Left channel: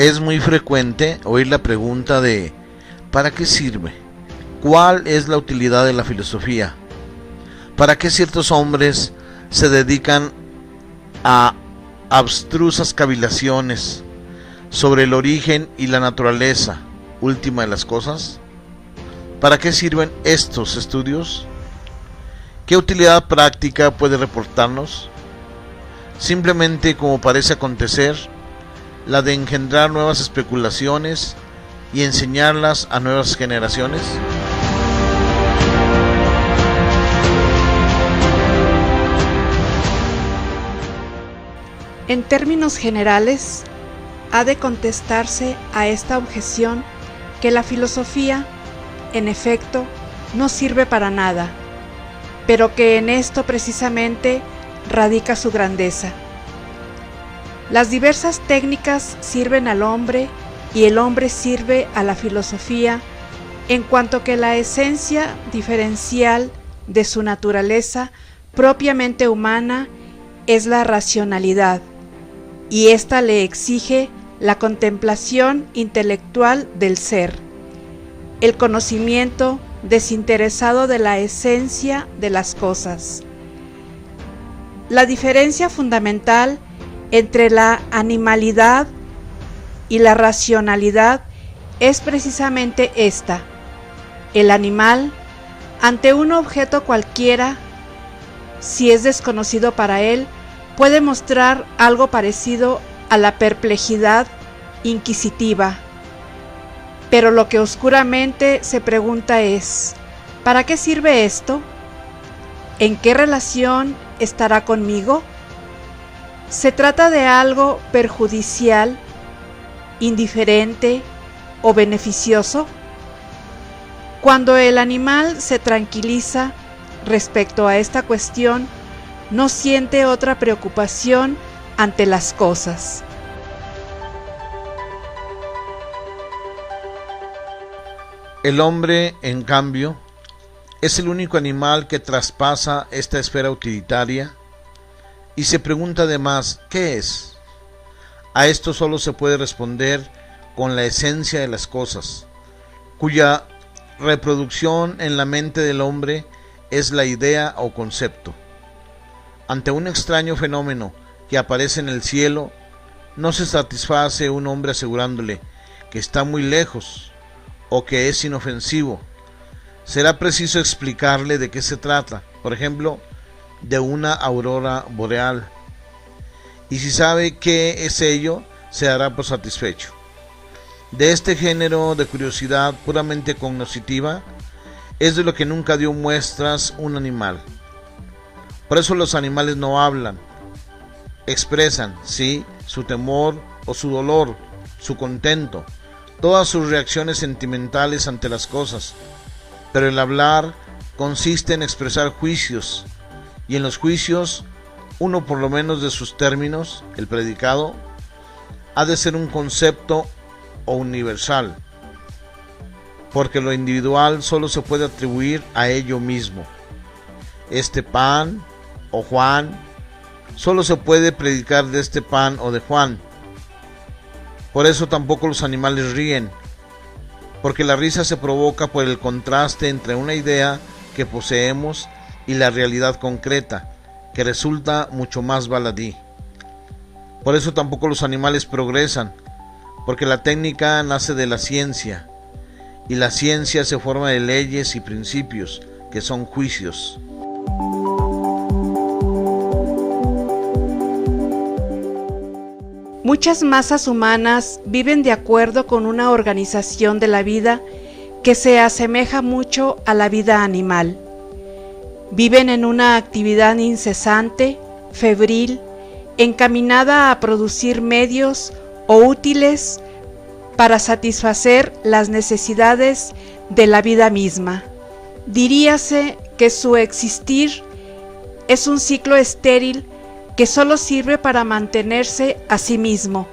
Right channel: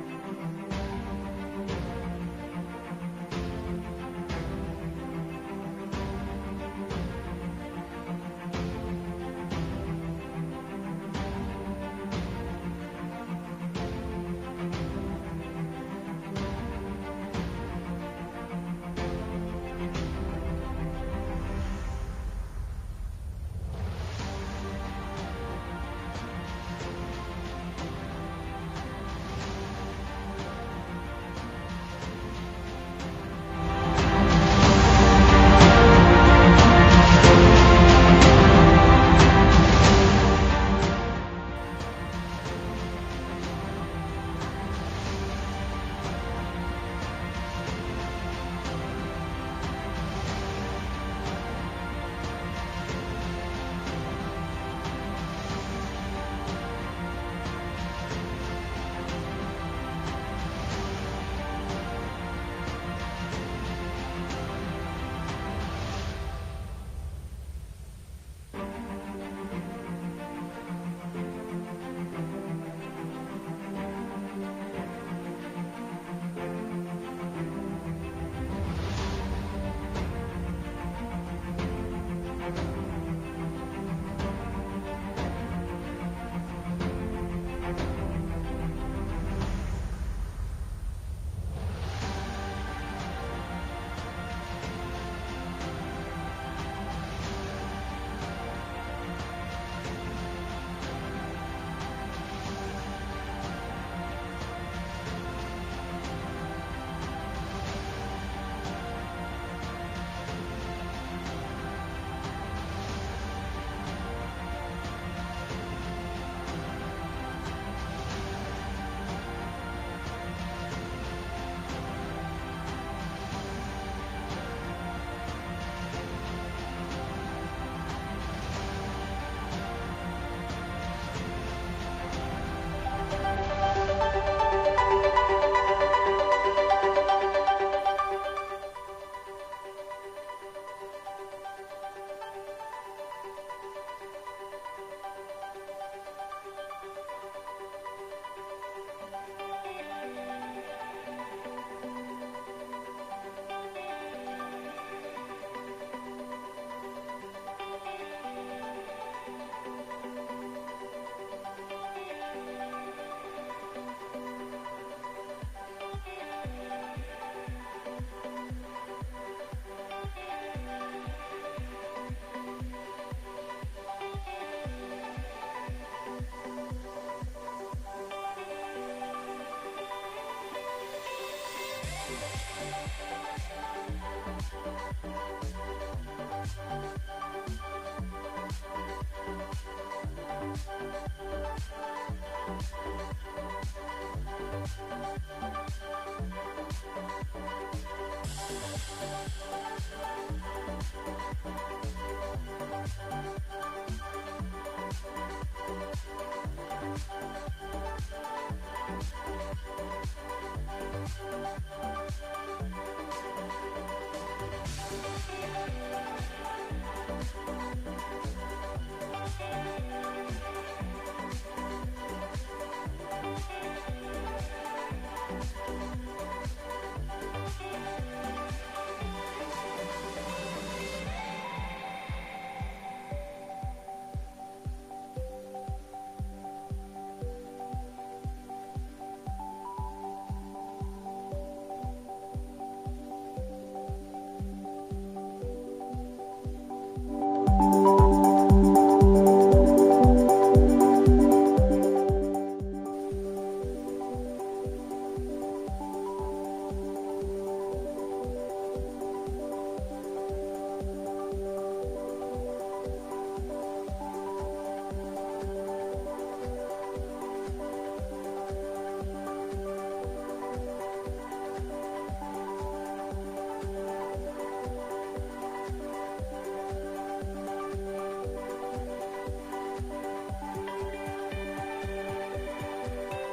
Es muy frecuente oír la pregunta de ¿para qué sirve? ¿Cuál es la utilidad de la filosofía? ¿Para qué ciertos hombres se dedican a abstrusas cavilaciones sobre el origen y la naturaleza última de las cosas? ¿Para qué sirven estos estudios? ¿Qué utilidad práctica puede reportarnos? Simplemente, como parece acontecer, la de engendrar nuevas especulaciones y enseñarlas a nuevas generaciones. En términos generales, ha de contestarse a esta objeción que la filosofía, en efecto, no sirve para nada, pero que en esto precisamente radica su grandeza. Las diversas técnicas sirven al hombre y el hombre sirve a la filosofía, en cuanto que la esencia diferencial de su naturaleza propiamente humana es la racionalidad, y ésta le exige la contemplación intelectual del ser, el conocimiento desinteresado de la esencia de las cosas. La diferencia fundamental entre la animalidad y la racionalidad es precisamente esta. El animal, ante un objeto cualquiera, si es desconocido para él, puede mostrar algo parecido a la perplejidad inquisitiva. Pero lo que oscuramente se pregunta es, ¿para qué sirve esto? ¿En qué relación estará conmigo? ¿Se trata de algo perjudicial, indiferente o beneficioso? Cuando el animal se tranquiliza respecto a esta cuestión, no siente otra preocupación ante las cosas. El hombre, en cambio, es el único animal que traspasa esta esfera utilitaria y se pregunta además, ¿qué es? A esto solo se puede responder con la esencia de las cosas, cuya reproducción en la mente del hombre es la idea o concepto. Ante un extraño fenómeno que aparece en el cielo, no se satisface un hombre asegurándole que está muy lejos o que es inofensivo. Será preciso explicarle de qué se trata, por ejemplo, de una aurora boreal. Y si sabe qué es ello, se dará por satisfecho. De este género de curiosidad puramente cognoscitiva es de lo que nunca dio muestras un animal. Por eso los animales no hablan, expresan, sí, su temor o su dolor, su contento, todas sus reacciones sentimentales ante las cosas, pero el hablar consiste en expresar juicios, y en los juicios, uno por lo menos de sus términos, el predicado, ha de ser un concepto o universal, porque lo individual solo se puede atribuir a ello mismo. Este pan o Juan, solo se puede predicar de este pan o de Juan. Por eso tampoco los animales ríen, porque la risa se provoca por el contraste entre una idea que poseemos y la realidad concreta, que resulta mucho más baladí. Por eso tampoco los animales progresan, porque la técnica nace de la ciencia, y la ciencia se forma de leyes y principios, que son juicios. Muchas masas humanas viven de acuerdo con una organización de la vida que se asemeja mucho a la vida animal. Viven en una actividad incesante, febril, encaminada a producir medios o útiles para satisfacer las necesidades de la vida misma. Diríase que su existir es un ciclo estéril que solo sirve para mantenerse a sí mismo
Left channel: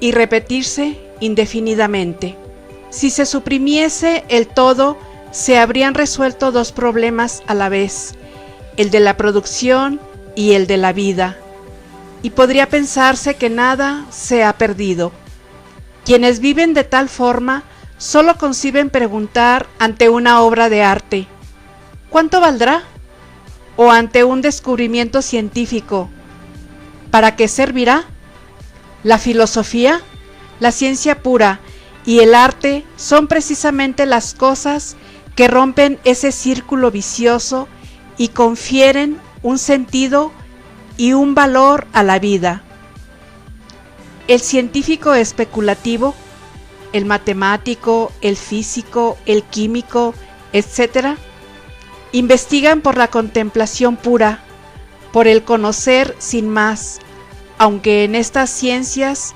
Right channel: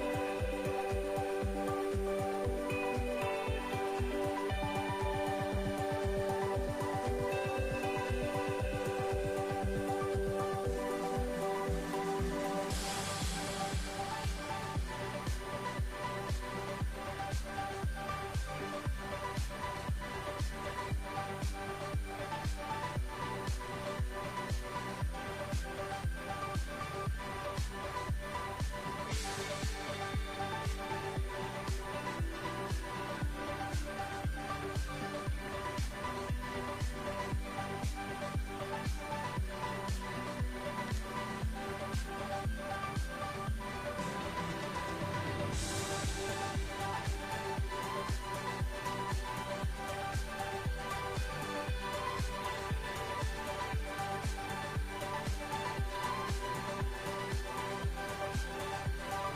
y repetirse indefinidamente. Si se suprimiese el todo, se habrían resuelto dos problemas a la vez, el de la producción y el de la vida, y podría pensarse que nada se ha perdido. Quienes viven de tal forma solo conciben preguntar ante una obra de arte: ¿cuánto valdrá? O ante un descubrimiento científico: ¿para qué servirá? La filosofía, la ciencia pura y el arte son precisamente las cosas que rompen ese círculo vicioso y confieren un sentido y un valor a la vida. El científico especulativo, el matemático, el físico, el químico, etc., investigan por la contemplación pura, por el conocer sin más, aunque en estas ciencias,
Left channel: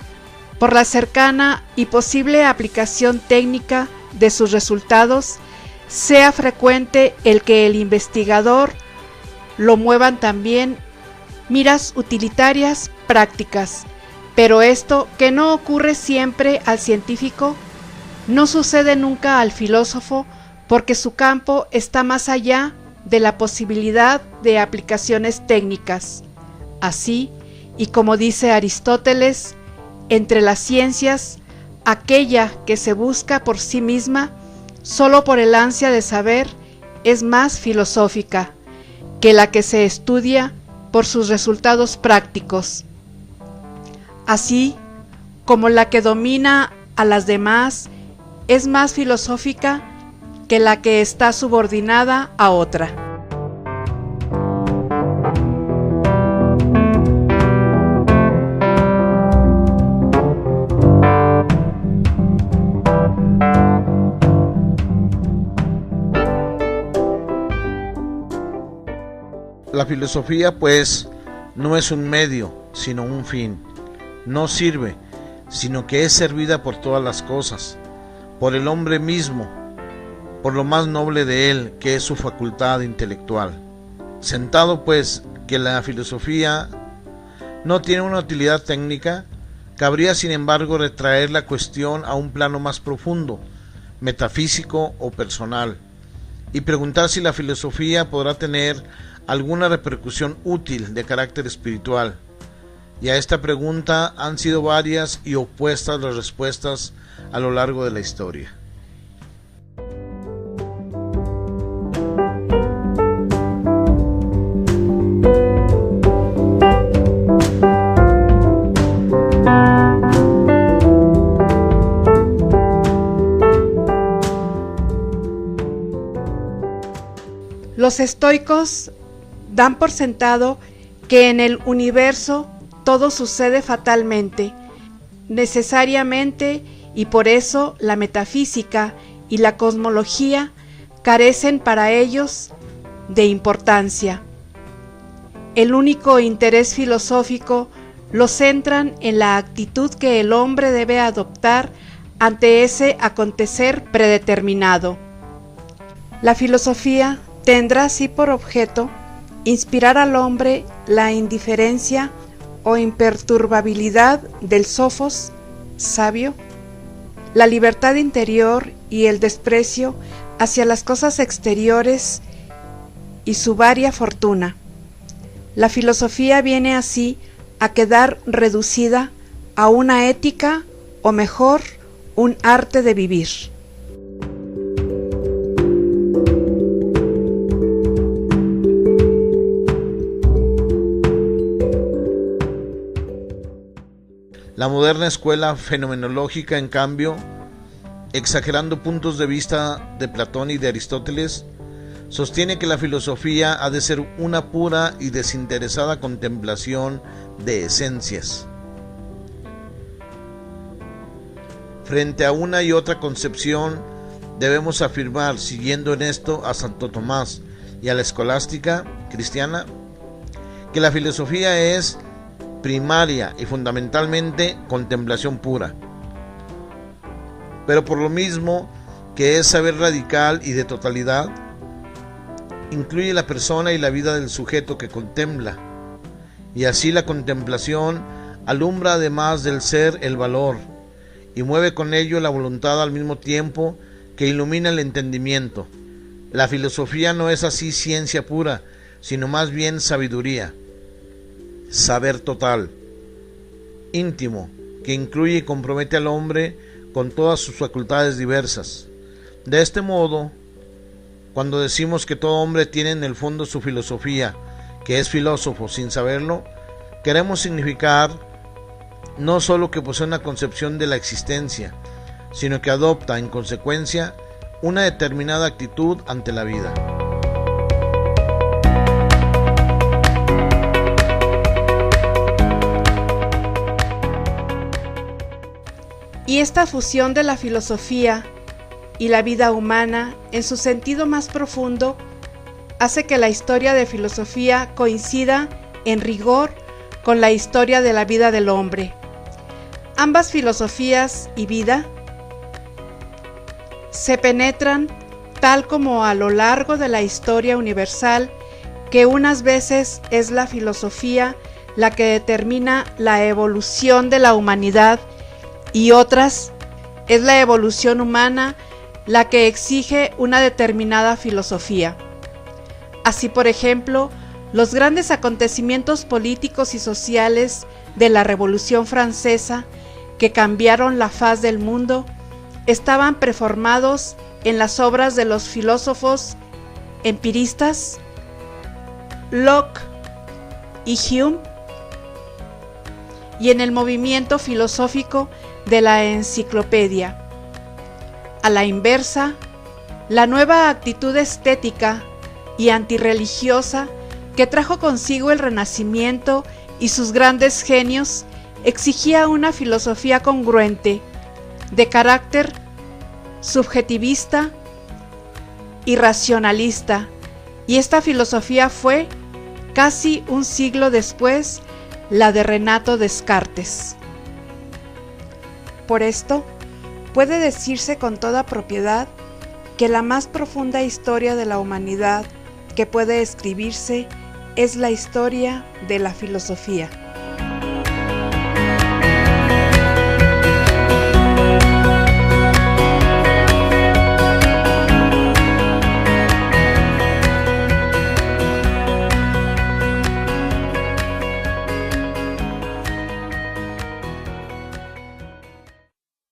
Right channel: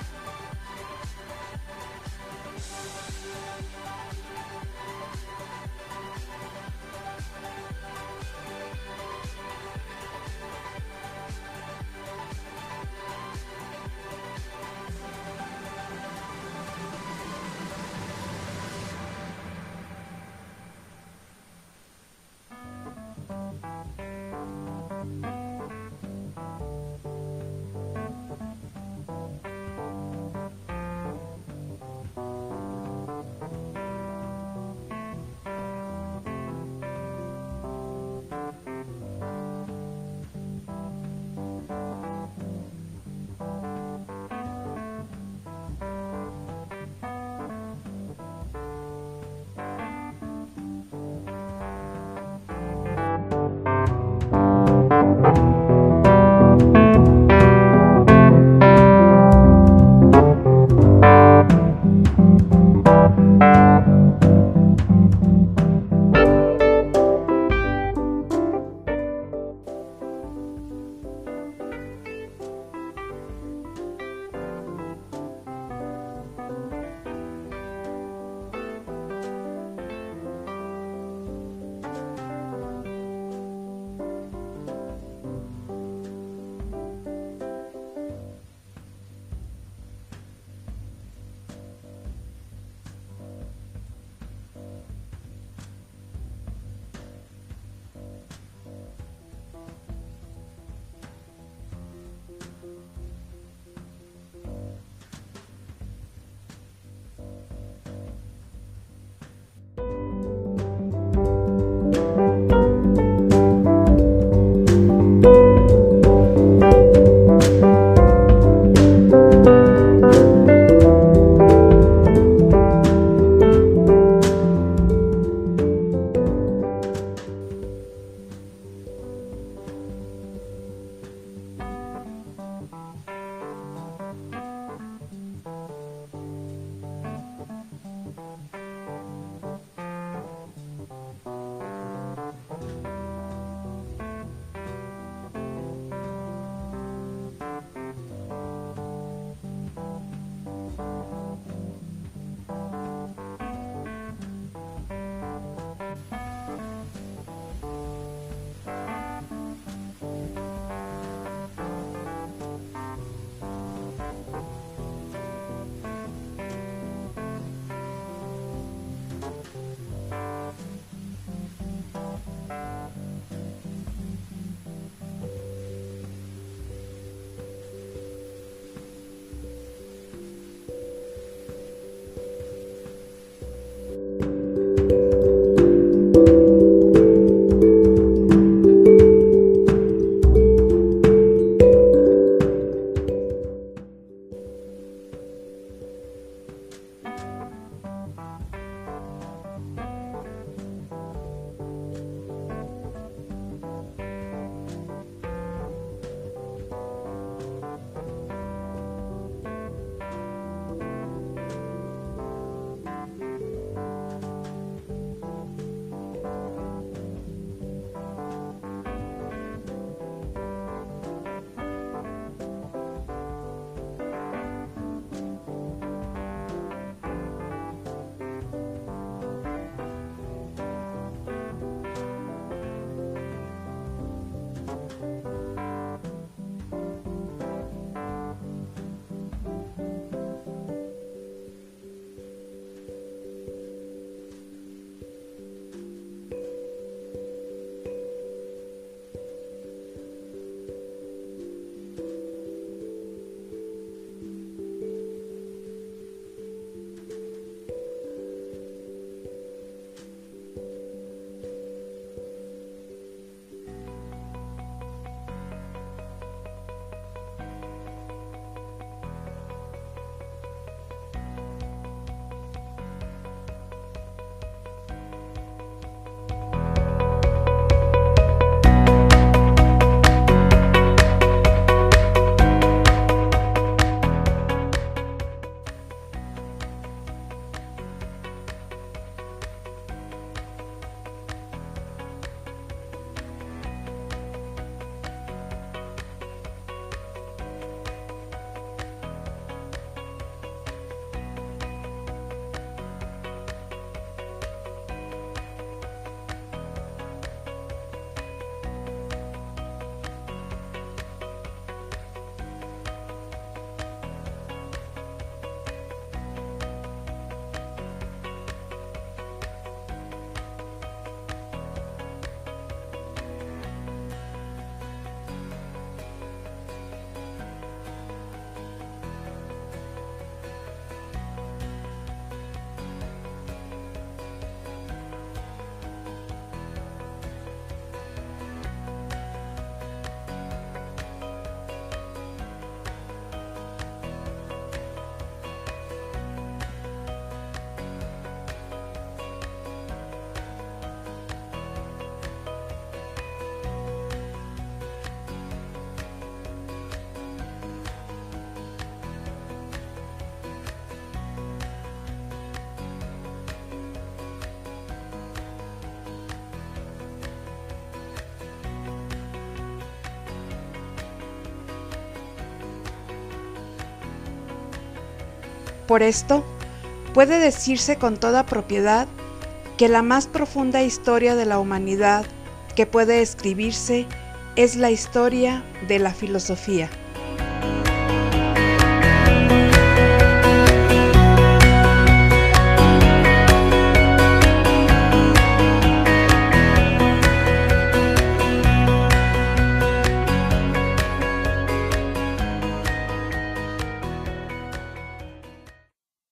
por la cercana y posible aplicación técnica de sus resultados, sea frecuente el que el investigador lo muevan también miras utilitarias prácticas. Pero esto, que no ocurre siempre al científico, no sucede nunca al filósofo, porque su campo está más allá de la posibilidad de aplicaciones técnicas. Así, y como dice Aristóteles, entre las ciencias, aquella que se busca por sí misma, solo por el ansia de saber, es más filosófica que la que se estudia por sus resultados prácticos. Así como la que domina a las demás es más filosófica que la que está subordinada a otra. La filosofía, pues, no es un medio, sino un fin. No sirve, sino que es servida por todas las cosas, por el hombre mismo, por lo más noble de él, que es su facultad intelectual. Sentado, pues, que la filosofía no tiene una utilidad técnica, cabría, sin embargo, retraer la cuestión a un plano más profundo, metafísico o personal, y preguntar si la filosofía podrá tener alguna repercusión útil de carácter espiritual. Y a esta pregunta han sido varias y opuestas las respuestas a lo largo de la historia. Los estoicos dan por sentado que en el universo todo sucede fatalmente, necesariamente, y por eso la metafísica y la cosmología carecen para ellos de importancia. El único interés filosófico lo centran en la actitud que el hombre debe adoptar ante ese acontecer predeterminado. La filosofía tendrá así por objeto inspirar al hombre la indiferencia o imperturbabilidad del sofos sabio, la libertad interior y el desprecio hacia las cosas exteriores y su varia fortuna. La filosofía viene así a quedar reducida a una ética, o mejor, un arte de vivir. La moderna escuela fenomenológica, en cambio, exagerando puntos de vista de Platón y de Aristóteles, sostiene que la filosofía ha de ser una pura y desinteresada contemplación de esencias. Frente a una y otra concepción, debemos afirmar, siguiendo en esto a Santo Tomás y a la escolástica cristiana, que la filosofía es primaria y fundamentalmente contemplación pura. Pero por lo mismo que es saber radical y de totalidad, incluye la persona y la vida del sujeto que contempla, y así la contemplación alumbra además del ser el valor, y mueve con ello la voluntad al mismo tiempo que ilumina el entendimiento. La filosofía no es así ciencia pura, sino más bien sabiduría, saber total, íntimo, que incluye y compromete al hombre con todas sus facultades diversas. De este modo, cuando decimos que todo hombre tiene en el fondo su filosofía, que es filósofo sin saberlo, queremos significar no solo que posee una concepción de la existencia, sino que adopta en consecuencia una determinada actitud ante la vida. Y esta fusión de la filosofía y la vida humana en su sentido más profundo hace que la historia de filosofía coincida en rigor con la historia de la vida del hombre. Ambas filosofías y vida se penetran tal como a lo largo de la historia universal, que unas veces es la filosofía la que determina la evolución de la humanidad y otras es la evolución humana la que exige una determinada filosofía. Así, por ejemplo, los grandes acontecimientos políticos y sociales de la Revolución Francesa que cambiaron la faz del mundo estaban preformados en las obras de los filósofos empiristas Locke y Hume y en el movimiento filosófico de la enciclopedia. A la inversa, la nueva actitud estética y antirreligiosa que trajo consigo el Renacimiento y sus grandes genios exigía una filosofía congruente, de carácter subjetivista y racionalista, y esta filosofía fue, casi un siglo después, la de Renato Descartes. Por esto, puede decirse con toda propiedad que la más profunda historia de la humanidad que puede escribirse es la historia de la filosofía.